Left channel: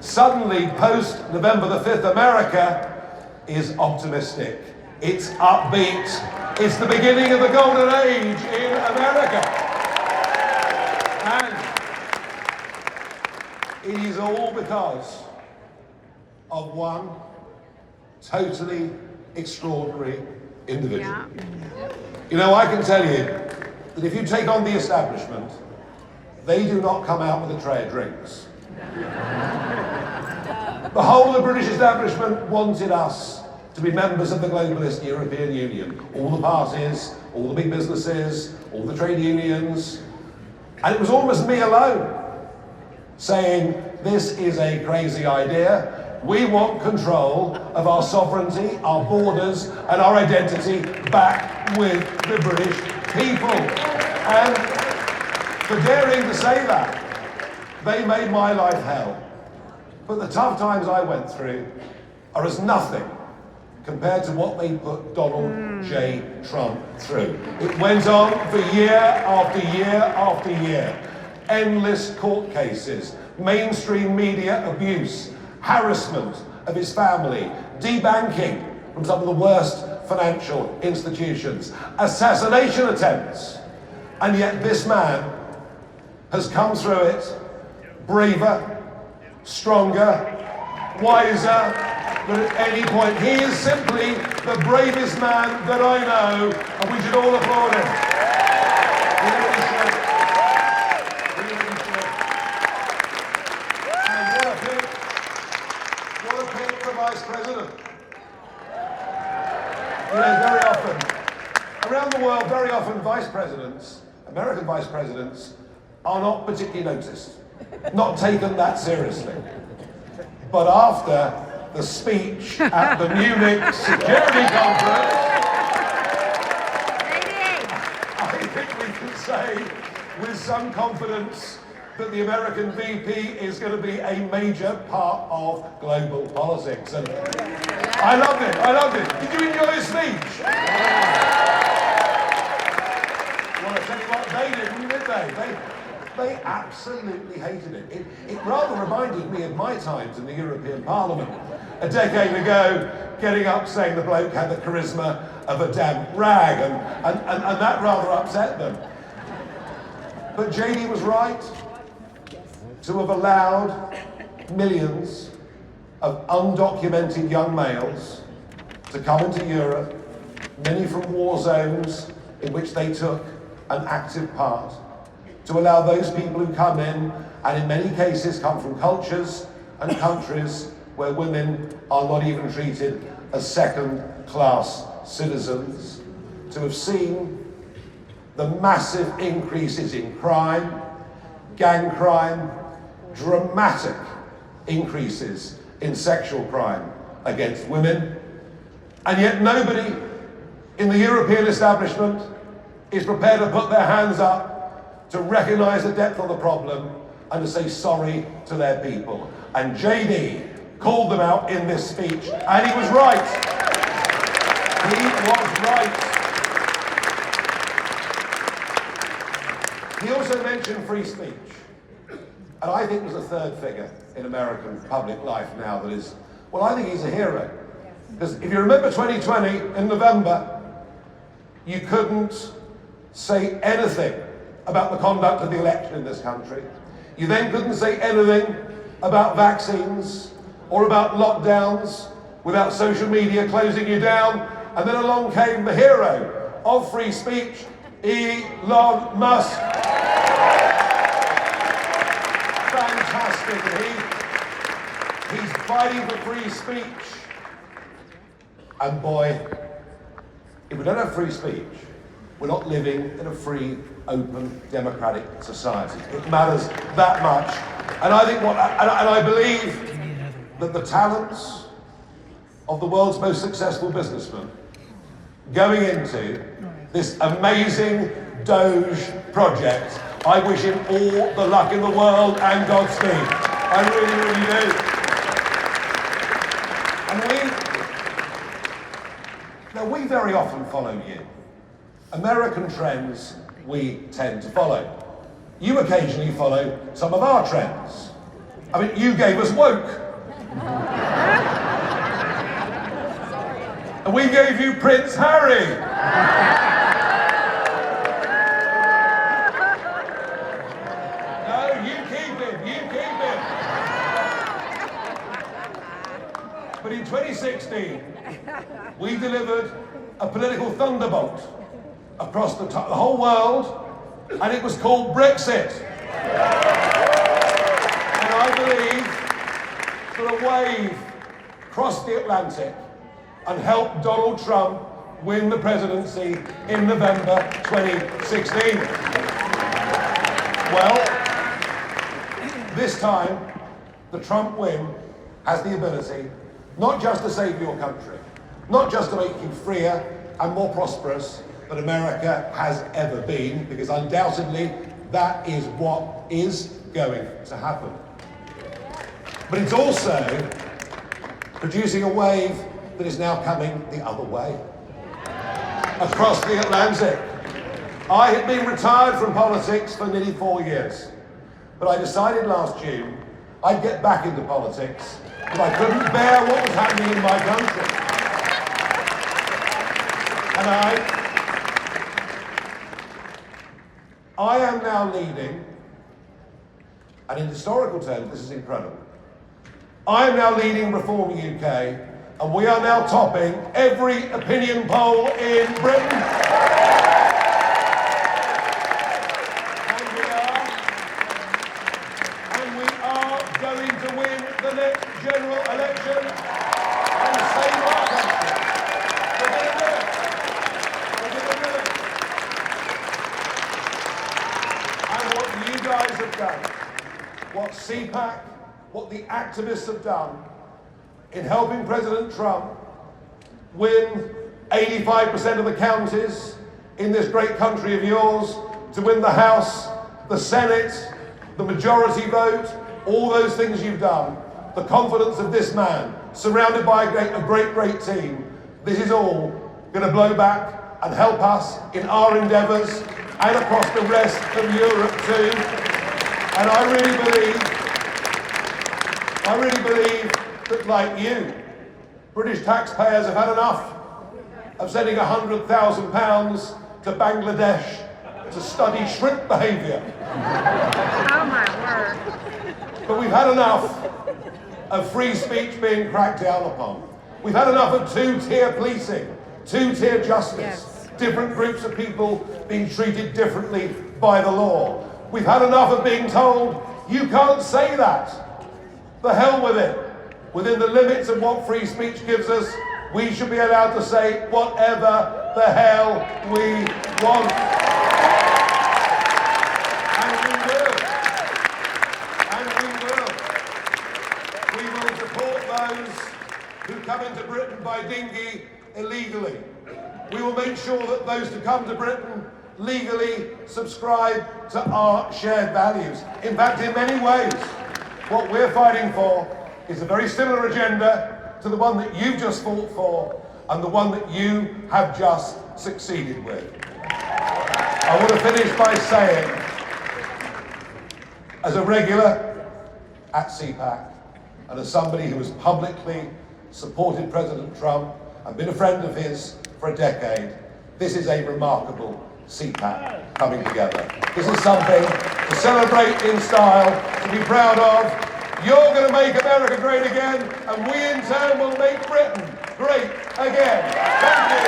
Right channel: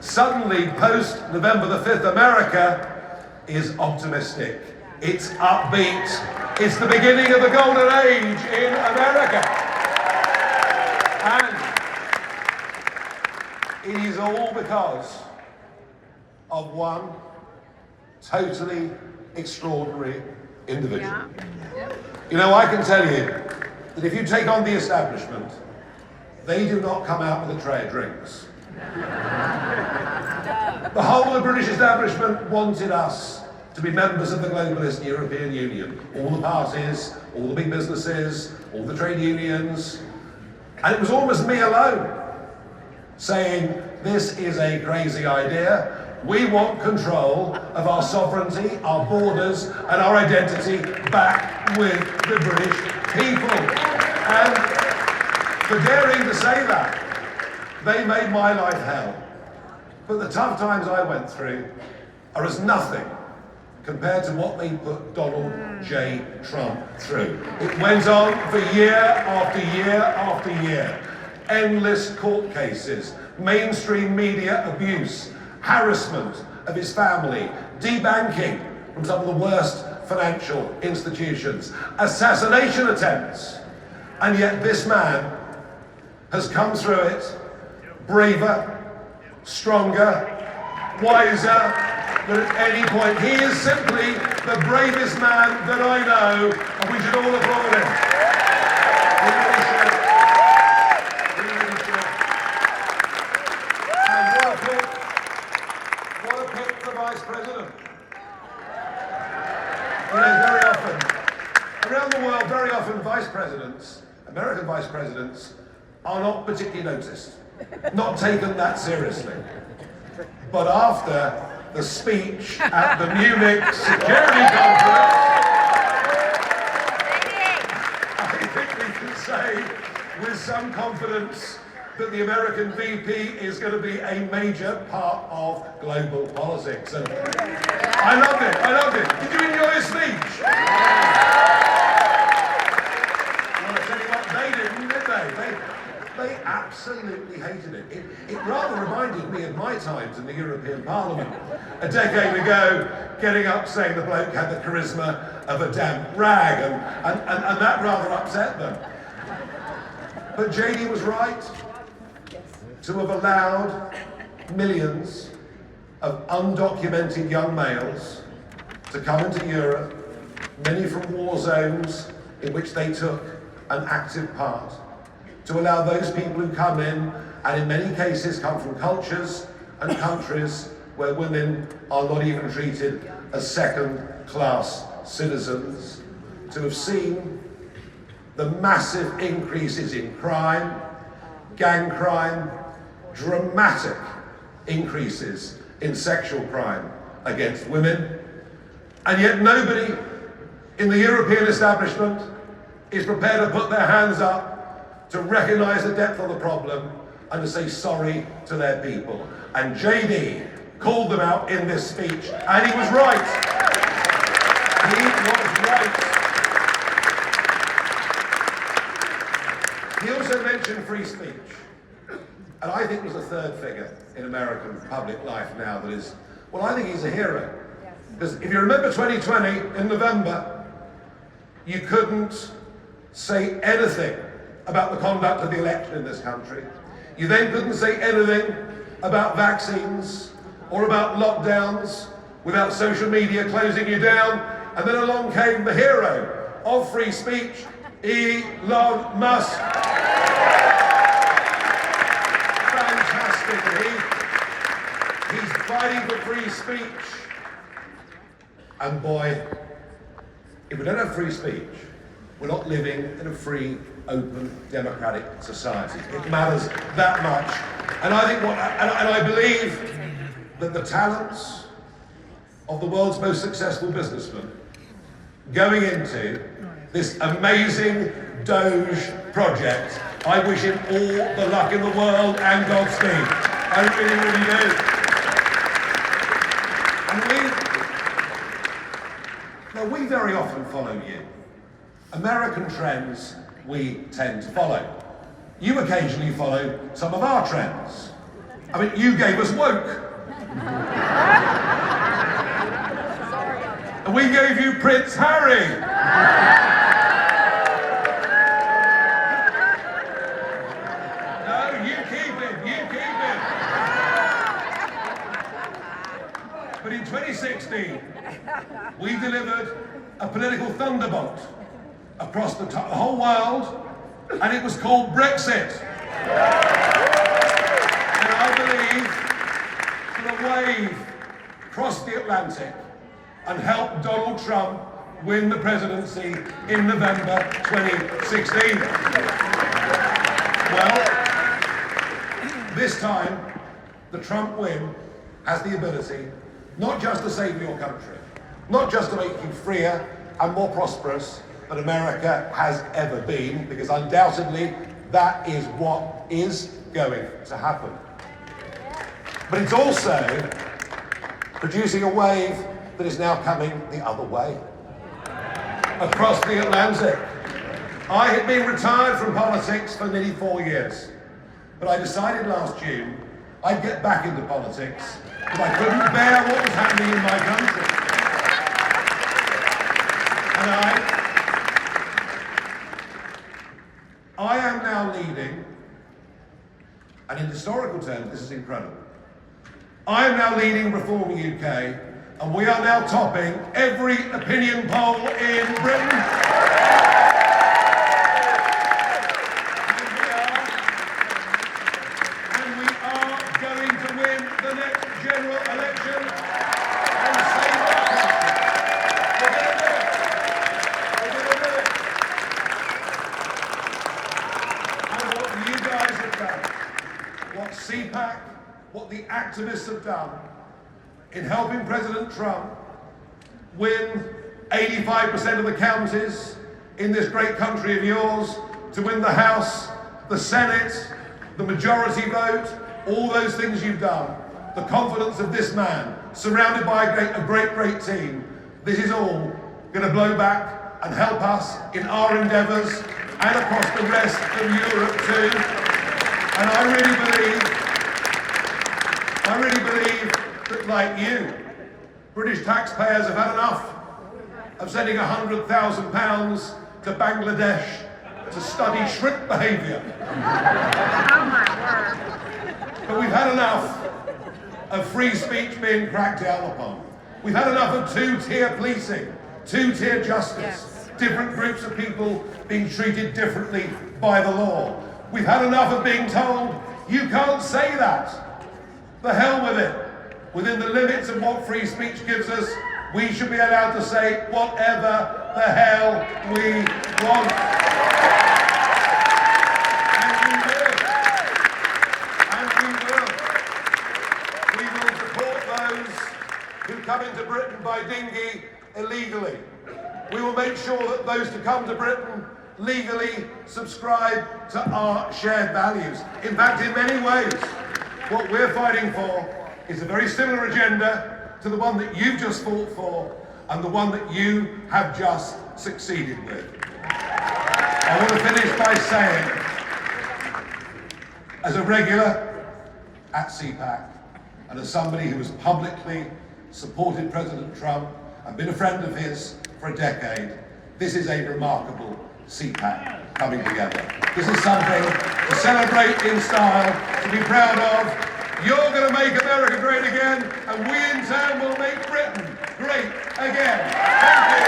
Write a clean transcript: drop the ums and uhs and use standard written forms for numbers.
Suddenly, post-November the 5th, America is optimistic. It's upbeat. It's the beginning of the golden age in America. And it is all because of one totally extraordinary individual. You know, I can tell you that if you take on the establishment, they do not come out with a tray of drinks. The whole of the British establishment wanted us to be members of the globalist European Union. All the parties, all the big businesses, all the trade unions. And it was almost me alone saying, this is a crazy idea. We want control of our sovereignty, our borders, and our identity back with the British people. And for daring to say that, they made my life hell. But the tough times I went through are as nothing compared to what they put Donald J. Trump through. It went on for year after year after year. Endless court cases, mainstream media abuse, harassment of his family, debanking from some of the worst financial institutions, assassination attempts. And yet this man has come through it braver, stronger, wiser than at any point. He is simply the bravest man that I know, and we should all applaud him. We really should. We really should. And what a pick for Vice President. You know, very often, around the world, very often Vice Presidents, American Vice Presidents, are not particularly noticed, not taken that seriously. But after the speech at the Munich Security Conference, I think we can say with some confidence that the American VP is going to be a major part of global politics. And I loved it. Did you enjoy his speech? Well, I tell you what, they didn't, did they? They absolutely hated it. It rather reminded me of my times in the European Parliament a decade ago, getting up saying the bloke had the charisma of a damp rag, and that rather upset them. But JD was right to have allowed millions of undocumented young males to come into Europe, many from war zones in which they took an active part, to allow those people who come in, and in many cases come from cultures and countries where women are not even treated as second-class citizens, to have seen the massive increases in crime, gang crime, dramatic increases in sexual crime against women, and yet nobody in the European establishment is prepared to put their hands up to recognise the depth of the problem and to say sorry to their people. And JD called them out in this speech, and he was right. He was right. He also mentioned free speech. And I think he's a third figure in American public life now that is, well, I think he's a hero. Because if you remember 2020, in November, you couldn't say anything about the conduct of the election in this country. You then couldn't say anything about vaccines or about lockdowns without social media closing you down. And then along came the hero of free speech, Elon Musk. Fantastic. And he's fighting for free speech. And boy, if we don't have free speech, we're not living in a free, open, democratic society. It matters that much. And I think and I believe that the talents of the world's most successful businessmen going into this amazing Doge project, I wish him all the luck in the world and Godspeed. I really, really do. And we very often follow you. American trends we tend to follow. You occasionally follow some of our trends. I mean, you gave us woke. And we gave you Prince Harry. No, you keep it, you keep it. But in 2016, we delivered a political thunderbolt across the whole world, and it was called Brexit. And I believe that a wave crossed the Atlantic and helped Donald Trump win the presidency in November 2016. Well, this time, the Trump win has the ability not just to save your country, not just to make you freer and more prosperous than America has ever been, because undoubtedly that is what is going to happen. But it's also producing a wave that is now coming the other way, across the Atlantic. I had been retired from politics for nearly 4 years, but I decided last June I'd get back into politics, but I couldn't bear what was happening in my country. And I am now leading, and in historical terms, this is incredible. I am now leading Reforming UK, and we are now topping every opinion poll in Britain. And we are going to win the next general election and save our country. We're going to do it. We're going to do it. And what you guys have done, what CPAC, what the activists have done in helping President Trump win 85% of the counties in this great country of yours, to win the House, the Senate, the majority vote, all those things you've done, the confidence of this man, surrounded by a great team, this is all going to blow back and help us in our endeavours and across the rest of Europe too. And I really believe that, like you, British taxpayers have had enough of sending £100,000 to Bangladesh to study shrimp behaviour. Oh my word. But we've had enough of free speech being cracked down upon. We've had enough of two-tier policing, two-tier justice, different groups of people being treated differently by the law. We've had enough of being told, you can't say that. The hell with it. Within the limits of what free speech gives us, we should be allowed to say whatever the hell we want. And we will. And we will. We will deport those who come into Britain by dinghy illegally. We will make sure that those who come to Britain legally subscribe to our shared values. In fact, in many ways, what we're fighting for is a very similar agenda to the one that you've just fought for and the one that you have just succeeded with. I want to finish by saying, as a regular at CPAC and as somebody who has publicly supported President Trump and been a friend of his for a decade, this is a remarkable CPAC coming together. This is something to celebrate in style, to be proud of. You're going to make America great again, and we in turn will make Britain great again. Thank you.